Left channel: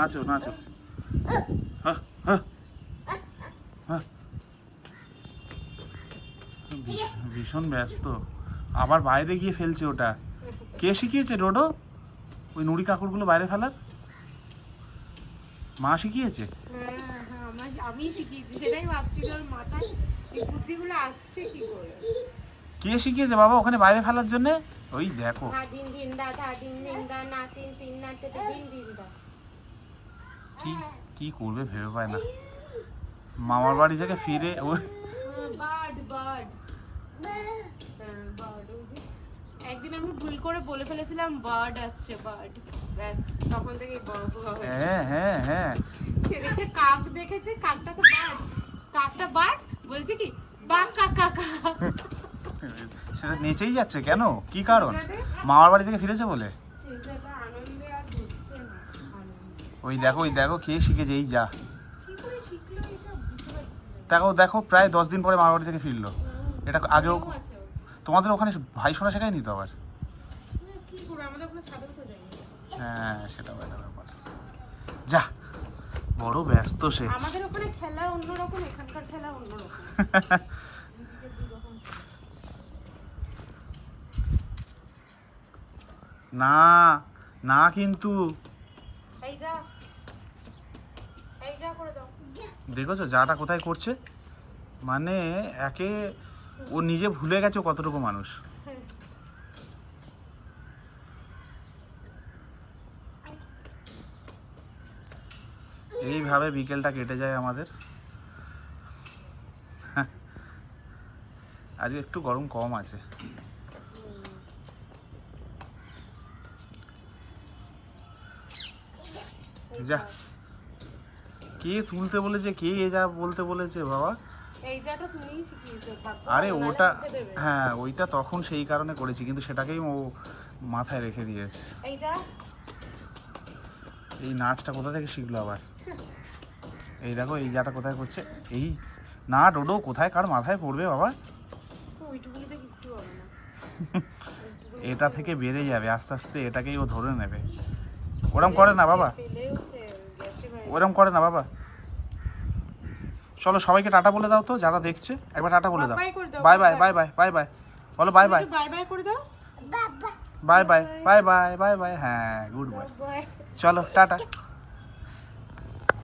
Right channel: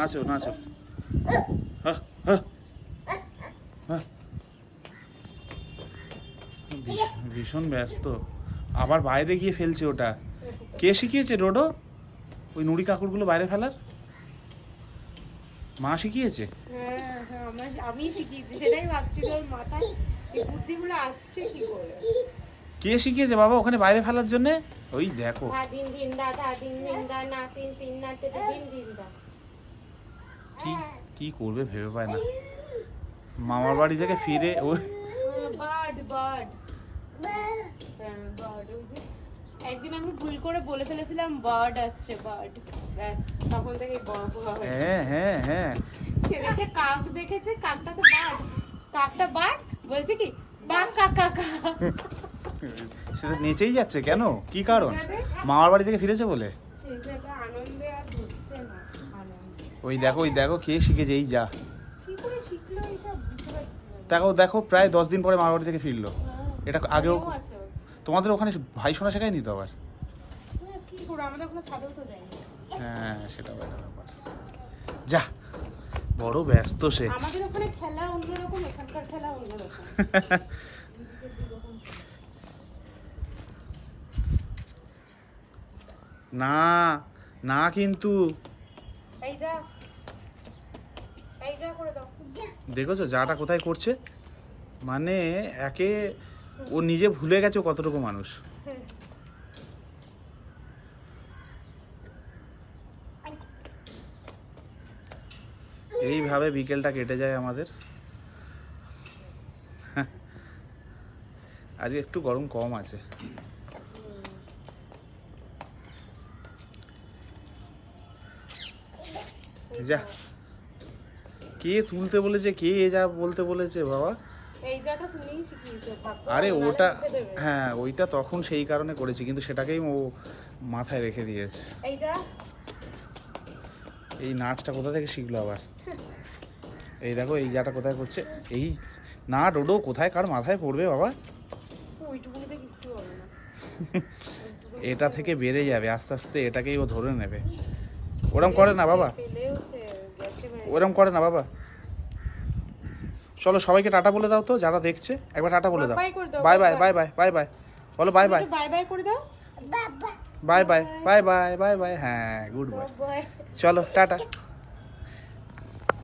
নাচো নাচো। ভীষণ ব্যস্ত, আবার বাইরে গিয়ে ফেলছে ওটা। কে শিখিয়েছে ডোডো ওই নুড়ি কাকুরগুলো বাইরে ফেলার? মা শিখিয়েছে? আমি শিখিয়েছি, সেটাই ভাবছি ওর মাথায় এই বুদ্ধিগুলো আসছে কি করে। কে শিখিয়েছে বাবা ওখানে বাইরে ফেলার জন্য? ওই দেখো কি করবে ভেবে পায় না। মামার বাড়ি থেকে ফিরে ও একদিন আমি ভুল করে বলে ফেলেছিলাম বার্ড আসছে, বার্ড, ব্যাস তখন থেকে হ্যাঁ হ্যাঁ হ্যাঁ সেদিকে কাক দেখেছে, কাকটা তো বার্ড, কাকটা বার্ড বলছে কি বা কাকা কাকা, সেটা নিচেই যাচ্ছে কেন? কি কারণ? মামার বাড়ি থেকে ফিরেছে বলে? আনন্দে আর ধরছে না আনন্দ। ওই দেখো কে শিখেছে, এই যা কি করে শিখলো এইসব বুঝতে পারছি না। দেখো দেখো প্রায় 10 দিন পরে মামার বাড়ি থেকে ফিরলো। এটা আগেও তোমাদের ওখানে ভাই শোনা শেখায়নি তো আবার? কি করে আমাদের ওখানে ছাদেও তো যায়নি। হ্যাঁ সেটা যা বড় ব্যস্ত সে। আমাদের ওখানে খেলা অন্যরকম, এখানকার খেলা অন্যরকম। না না কিন্তু এই যা করে দাও। দেখেছো যাটা কোথায় করছে, মানে একে ও নিজে ভুলে গেছে কতটুকু মানুষ। এইভাবে বিকেলটা কেটে যায় আমাদের। আজকে একটু গরম কম আছে। যা কে তুলতে বলেছে, কে যা বলতে বলেছে বাবা? আরে ওটা হ্যাঁ ওইটা তখন সেই কারণে করেছি, কিন্তু সেটাকেই ও মাথায় রেখে দিয়েছে। এই নাচটা কোথা থেকে শিখলো আবার? এই দেখো এই জাটা কোথায় করছে। এই না ডোডো কোথায় কার মাথায় পড়বে বাবা? এটা থেকে বেড়ে যাবে আস্তে আস্তে, এটাকেই ও ধরে নেবে। ওরম করে না বাবা, ওরম করে না বাবা। চলো সবাইকে টাটা বলে দাও তো, যারা দেখছে একবার টাটা বলে দাও। Bye bye bye bye bye bye বলো, বাই বাই বাই বাই করে দাও, bye bye bye bye bye bye. হ্যাঁ গুড বাই, চলো টাটা।